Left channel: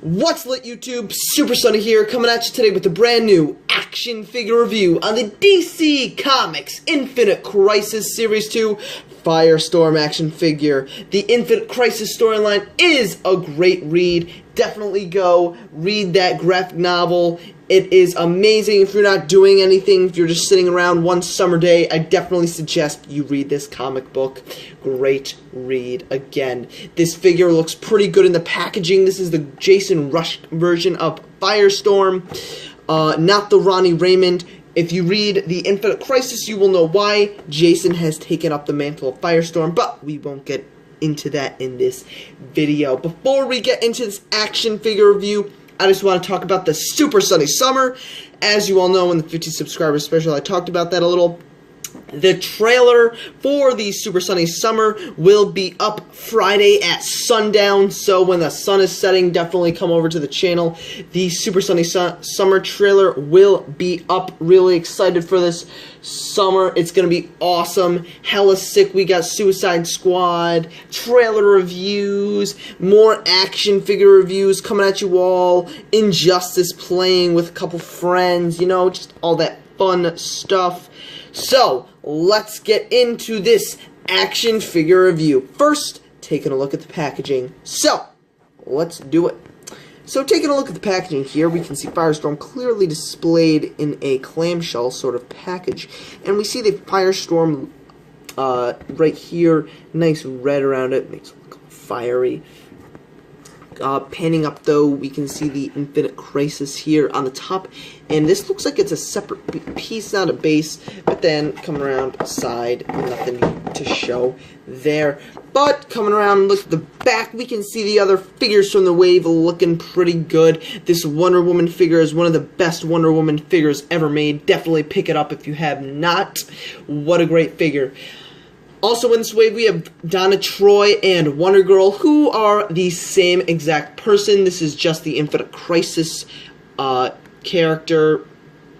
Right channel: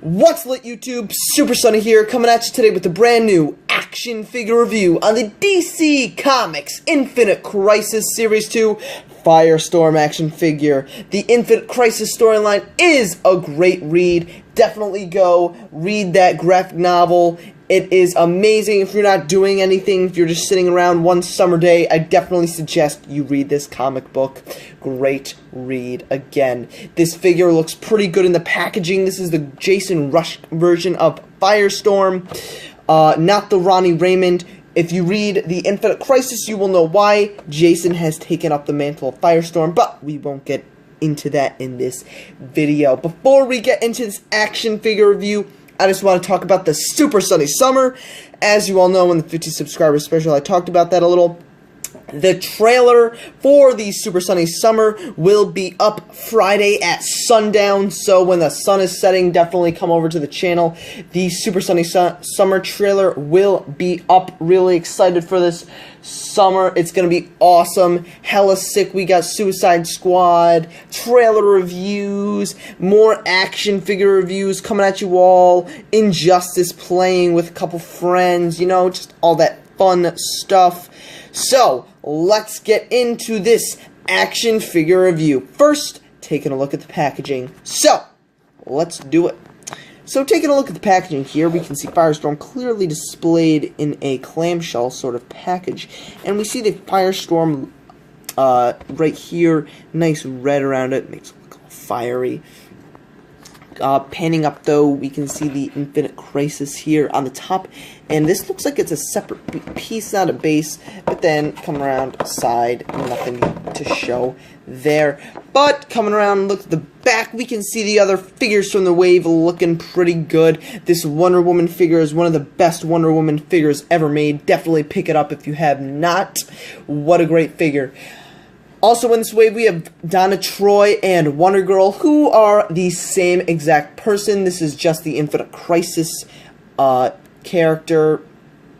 What's lit, YouTube? Super Sunny here, coming at you today with a brand new action figure review on the DC Comics Infinite Crisis Series 2 Firestorm action figure. The Infinite Crisis storyline is a great read. Definitely go read that graphic novel. It is amazing. If you're not doing anything, if you're just sitting around one summer day, I definitely suggest you read this comic book. Great read again. This figure looks pretty good in the packaging. This is the Jason Rusch version of Firestorm, not the Ronnie Raymond. If you read the Infinite Crisis, you will know why Jason has taken up the mantle of Firestorm, but we won't get into that in this video. Before we get into this action figure review, I just want to talk about the Super Sunny Summer. As you all know, in the 50 subscriber special, I talked about that a little. The trailer for the Super Sunny Summer will be up Friday at sundown, so when the sun is setting, definitely come over to the channel. The Super Sunny Summer trailer will be up. Really excited for this summer. It's gonna be awesome. Hella sick. We got Suicide Squad, trailer reviews, more action figure reviews coming at you all, Injustice playing with a couple friends, you know, just all that fun stuff. So, let's get into this action figure review. First, taking a look at the packaging. So, let's do it. So, taking a look at the packaging here, we can see Firestorm clearly displayed in a clamshell sort of package. And we see the Firestorm right here, nice red around it, makes it look all fiery. Panning up though, we can see the Infinite Crisis here on the top, and this looks like it's a separate piece, not a base, but then come around side, nothing to show there. But coming around, look at the back, we can see the other figures from the wave looking pretty good. This Wonder Woman figure is one of the best Wonder Woman figures ever made. Definitely pick it up if you have not. What a great figure. Also in this wave, we have Donna Troy and Wonder Girl, who are the same exact person. This is just the Infinite Crisis character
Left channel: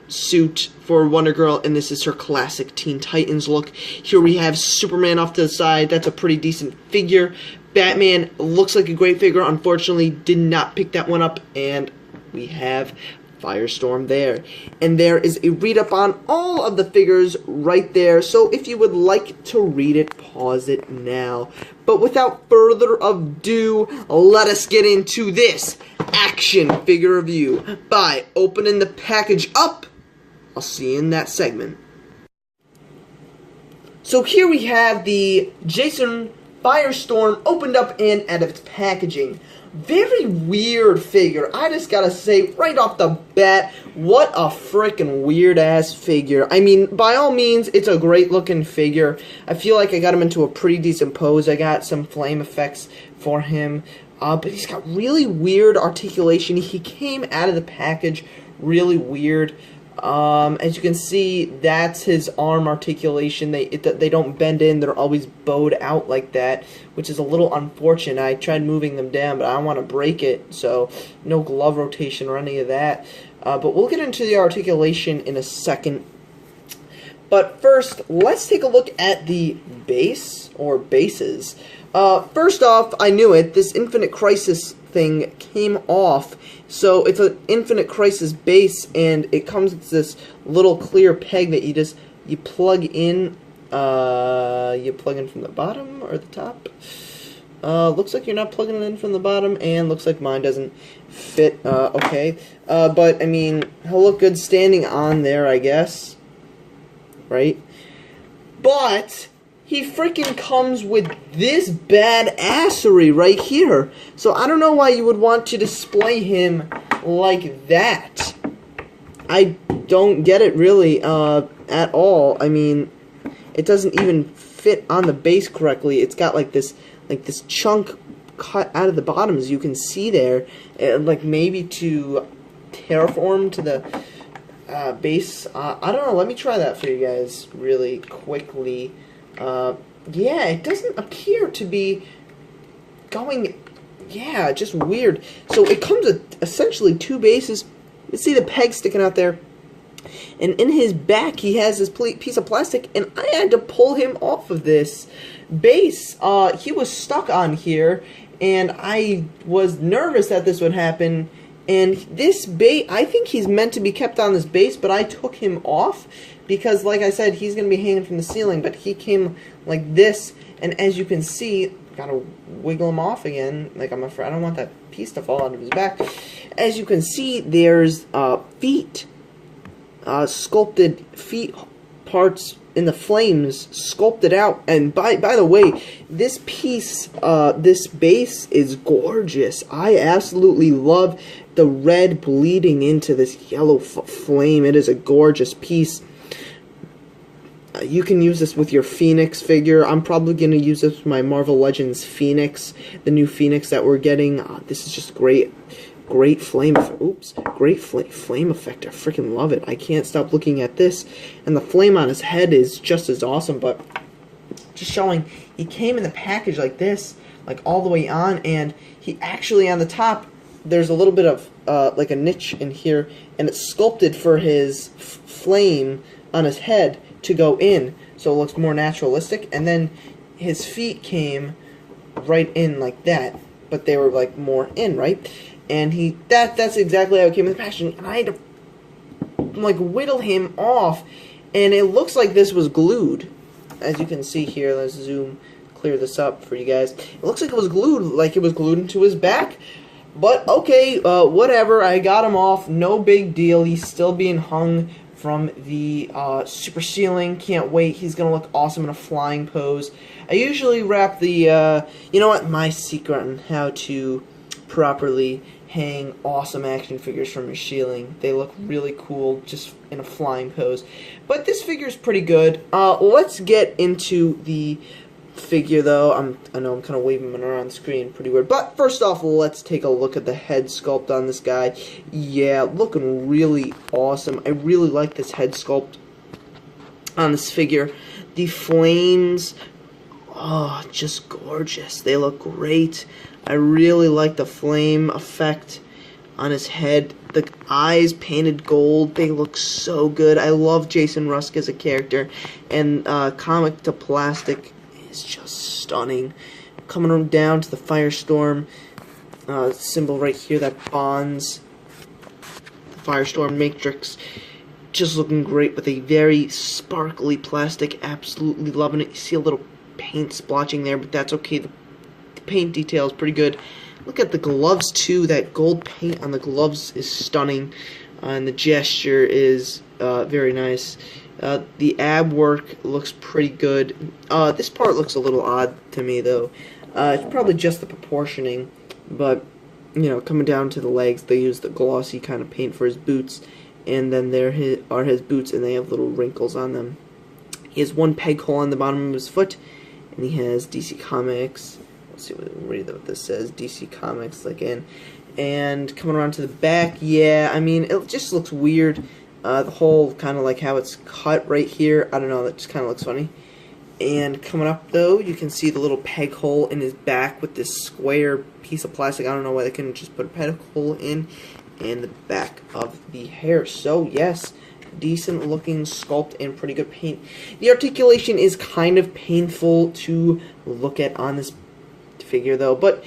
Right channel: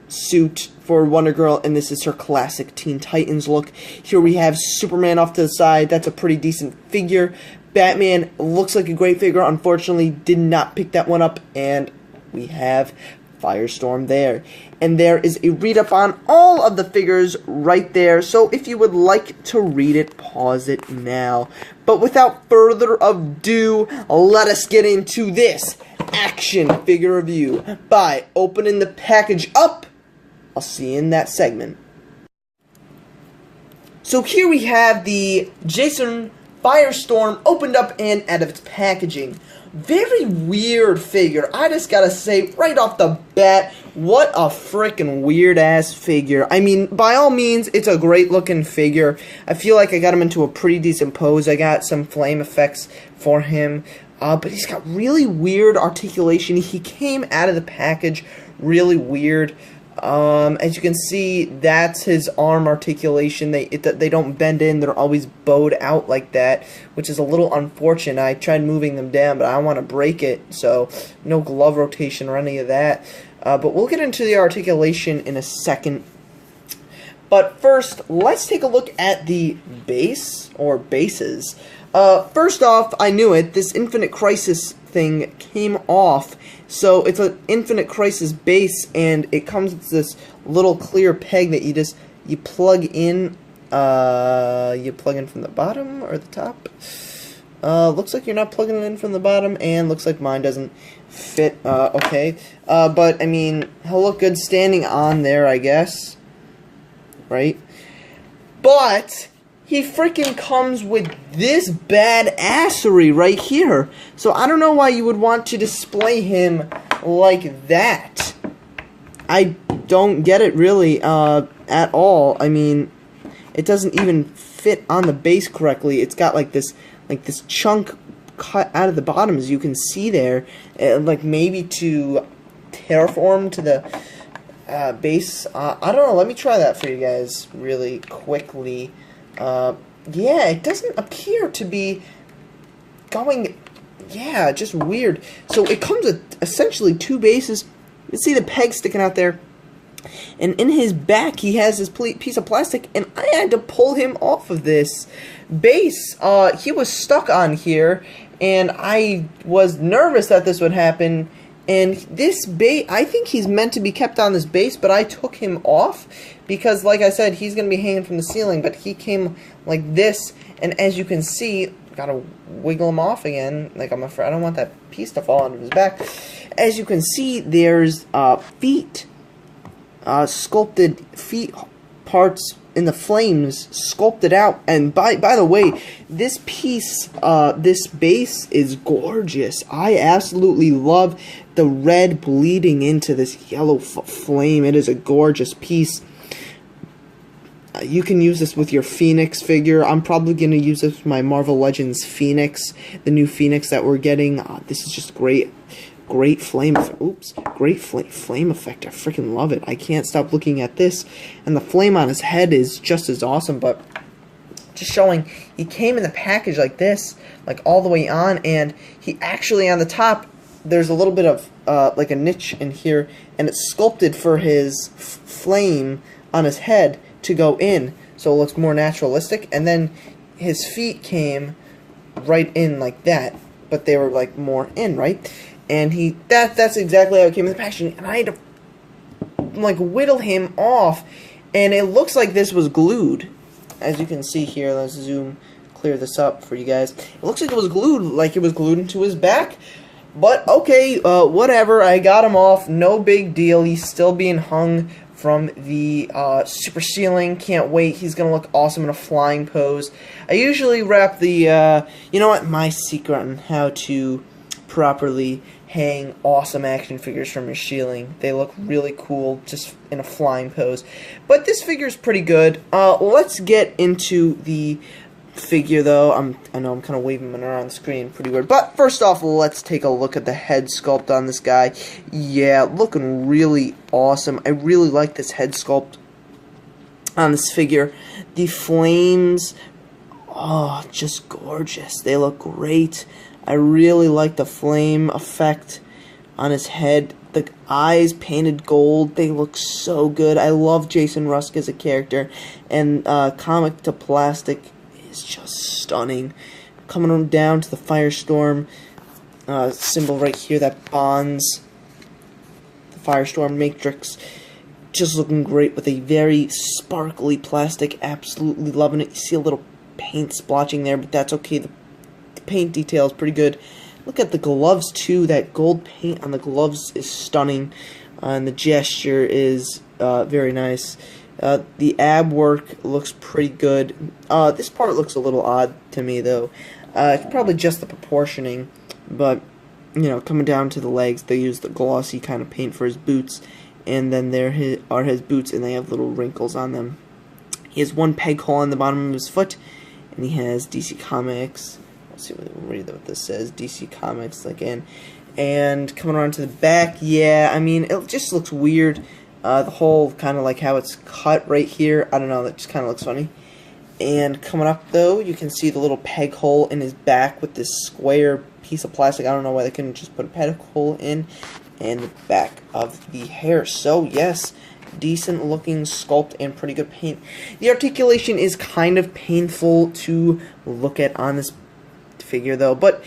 suit for Wonder Girl, and this is her classic Teen Titans look. Here we have Superman off to the side. That's a pretty decent figure. Batman looks like a great figure. Unfortunately, did not pick that one up, and we have Firestorm there. And there is a read-up on all of the figures right there, so if you would like to read it, pause it now. But without further ado, let us get into this action figure review by opening the package up. I'll see you in that segment. So here we have the Jason Firestorm opened up and out of its packaging. Very weird figure. I just gotta say, right off the bat, what a freaking weird-ass figure. I mean, by all means, it's a great-looking figure. I feel like I got him into a pretty decent pose. I got some flame effects for him. But he's got really weird articulation. He came out of the package really weird. As you can see, that's his arm articulation. They don't bend in. They're always bowed out like that, which is a little unfortunate. I tried moving them down, but I don't want to break it, so no glove rotation or any of that. But we'll get into the articulation in a second. But first, let's take a look at the base, or bases. First off, I knew it, this Infinite Crisis thing came off. So it's an Infinite Crisis base, and it comes with this little clear peg that you plug in. You plug in from the bottom or the top. Looks like you're not plugging it in from the bottom, and looks like mine doesn't fit. Okay, but I mean, he'll look good standing on there, I guess. Right? But he freaking comes with this badassery right here. So I don't know why you would want to display him like that. I don't get it really at all. I mean, it doesn't even fit on the base correctly. It's got like this chunk cut out of the bottom, as you can see there, like maybe to terraform to the base. I don't know. Let me try that for you guys really quickly. Yeah, it doesn't appear to be going, yeah, just weird. So it comes with essentially two bases. You see the peg sticking out there, and in his back he has this piece of plastic, and I had to pull him off of this. base, he was stuck on here, and I was nervous that this would happen. And this base, I think he's meant to be kept on this base, but I took him off because, like I said, he's going to be hanging from the ceiling, but he came like this, and as you can see, gotta wiggle him off again. Like, I'm afraid I don't want that piece to fall onto his back. As you can see, there's feet, sculpted feet parts in the flames, sculpted out. And by the way, this piece, this base is gorgeous. I absolutely love the red bleeding into this yellow flame. It is a gorgeous piece. You can use this with your Phoenix figure. I'm probably going to use this with my Marvel Legends Phoenix, the new Phoenix that we're getting. This is just great. Great flame effect. Oops. Great flame effect. I freaking love it. I can't stop looking at this. And the flame on his head is just as awesome, but just showing he came in the package like this, like all the way on, and he actually on the top, there's a little bit of like a niche in here, and it's sculpted for his flame on his head to go in, so it looks more naturalistic. And then his feet came right in like that, but they were like more in, right? And that's exactly how it came in the packaging. And I had to like whittle him off, and it looks like this was glued. As you can see here, let's clear this up for you guys. It looks like it was glued, like it was glued into his back. But okay, whatever. I got him off. No big deal. He's still being hung from the super ceiling. Can't wait. He's gonna look awesome in a flying pose. I usually wrap the you know what, my secret on how to properly hang awesome action figures from your ceiling. They look really cool just in a flying pose. But this figure is pretty good. Let's get into the figure though. I know I'm kind of waving him around the screen pretty weird. But first off, let's take a look at the head sculpt on this guy. Yeah, looking really awesome. I really like this head sculpt on this figure. The flames, oh, just gorgeous. They look great. I really like the flame effect on his head. The eyes painted gold. They look so good. I love Jason Rusk as a character. And comic to plastic is just stunning. Coming down to the Firestorm symbol right here that bonds the Firestorm Matrix. Just looking great with a very sparkly plastic. Absolutely loving it. You see a little paint splotching there, but that's okay. The paint detail is pretty good. Look at the gloves too. That gold paint on the gloves is stunning, and the gesture is very nice. The ab work looks pretty good. This part looks a little odd to me though. It's probably just the proportioning, but you know, coming down to the legs, they use the glossy kind of paint for his boots, and then there are his boots, and they have little wrinkles on them. He has one peg hole on the bottom of his foot, and he has DC Comics. Let's see what this says. DC Comics, like in. And coming around to the back, yeah, I mean, it just looks weird. The whole kind of like how it's cut right here. I don't know, that just kind of looks funny. And coming up, though, you can see the little peg hole in his back with this square piece of plastic. I don't know why they couldn't just put a peg hole in. And the back of the hair. So, yes, decent looking sculpt and pretty good paint. The articulation is kind of painful to look at on this figure though, but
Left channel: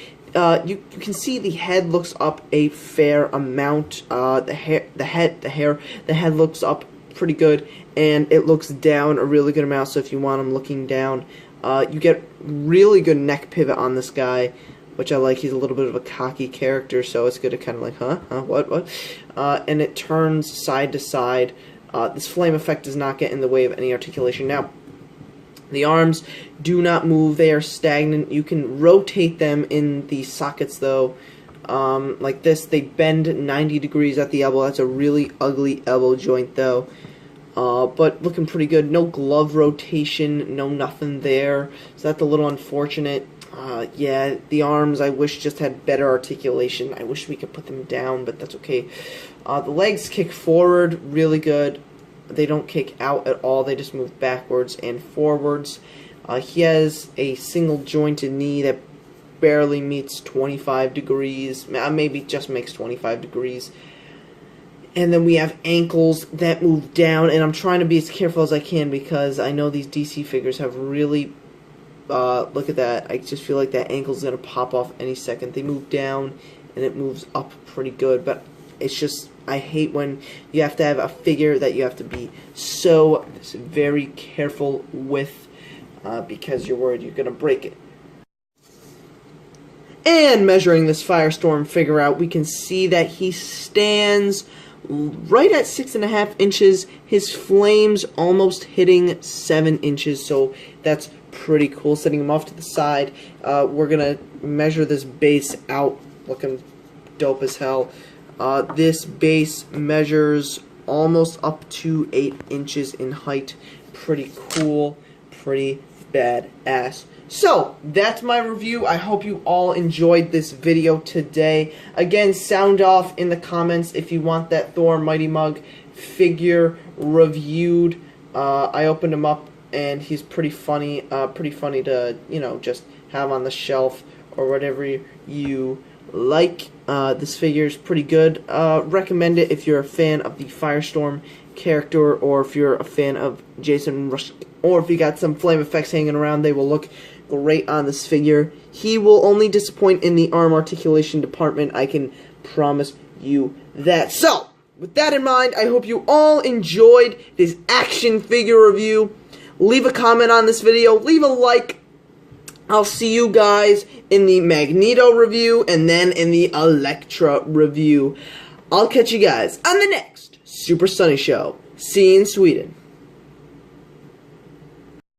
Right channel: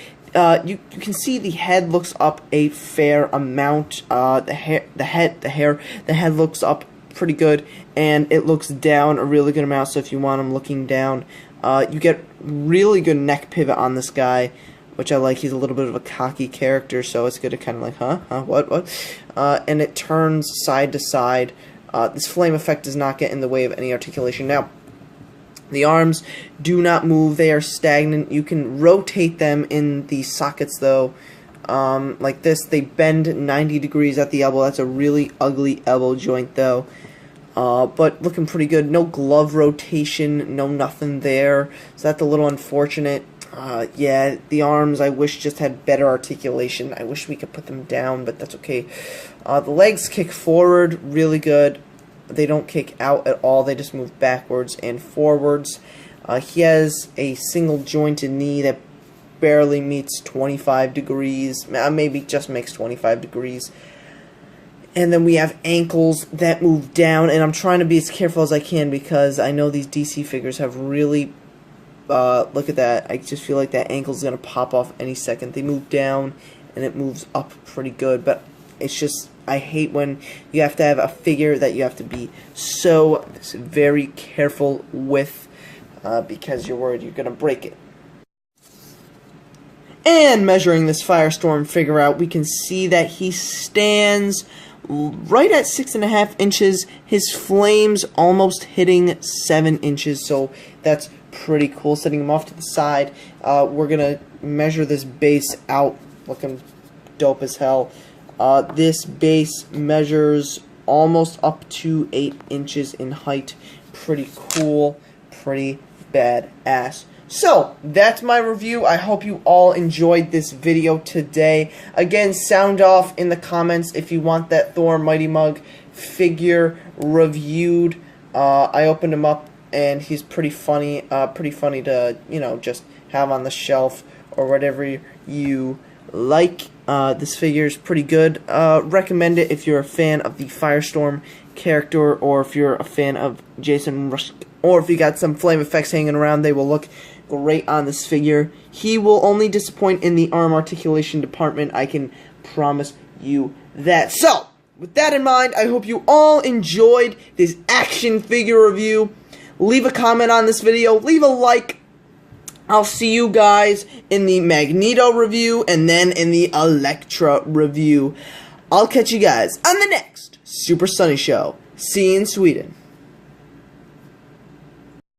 you can see the head looks up a fair amount. The head looks up pretty good, and it looks down a really good amount. So if you want him looking down, you get really good neck pivot on this guy, which I like. He's a little bit of a cocky character, so it's good to kind of like, what? And it turns side to side. This flame effect does not get in the way of any articulation. Now, the arms do not move. They are stagnant. You can rotate them in the sockets, though, like this. They bend 90 degrees at the elbow. That's a really ugly elbow joint, though. But looking pretty good. No glove rotation. No nothing there. So that's a little unfortunate. Yeah, the arms, I wish just had better articulation. I wish we could put them down, but that's okay. The legs kick forward really good. They don't kick out at all. They just move backwards and forwards. He has a single jointed knee that barely meets 25 degrees. Maybe just makes 25 degrees. And then we have ankles that move down. And I'm trying to be as careful as I can because I know these DC figures have really Look at that. I just feel like that ankle's going to pop off any second. They move down, and it moves up pretty good. But it's just, I hate when you have to have a figure that you have to be so very careful with because you're worried you're going to break it. And measuring this Firestorm figure out, we can see that he stands right at 6.5 inches. His flames almost hitting 7 inches, so that's pretty cool. Setting him off to the side, we're gonna measure this base out, looking dope as hell. This base measures almost up to 8 inches in height. Pretty cool, pretty badass. So, that's my review. I hope you all enjoyed this video today. Again, sound off in the comments if you want that Thor Mighty Mug figure reviewed. I opened him up, and he's pretty funny to, you know, just have on the shelf or whatever you like. This figure is pretty good. Recommend it if you're a fan of the Firestorm character, or if you're a fan of Jason Rush, or if you got some flame effects hanging around. They will look great on this figure. He will only disappoint in the arm articulation department, I can promise you that. So, with that in mind, I hope you all enjoyed this action figure review. Leave a comment on this video, leave a like. I'll see you guys in the Magneto review, and then in the Elektra review. I'll catch you guys on the next Super Sunny Show. See you in Sweden.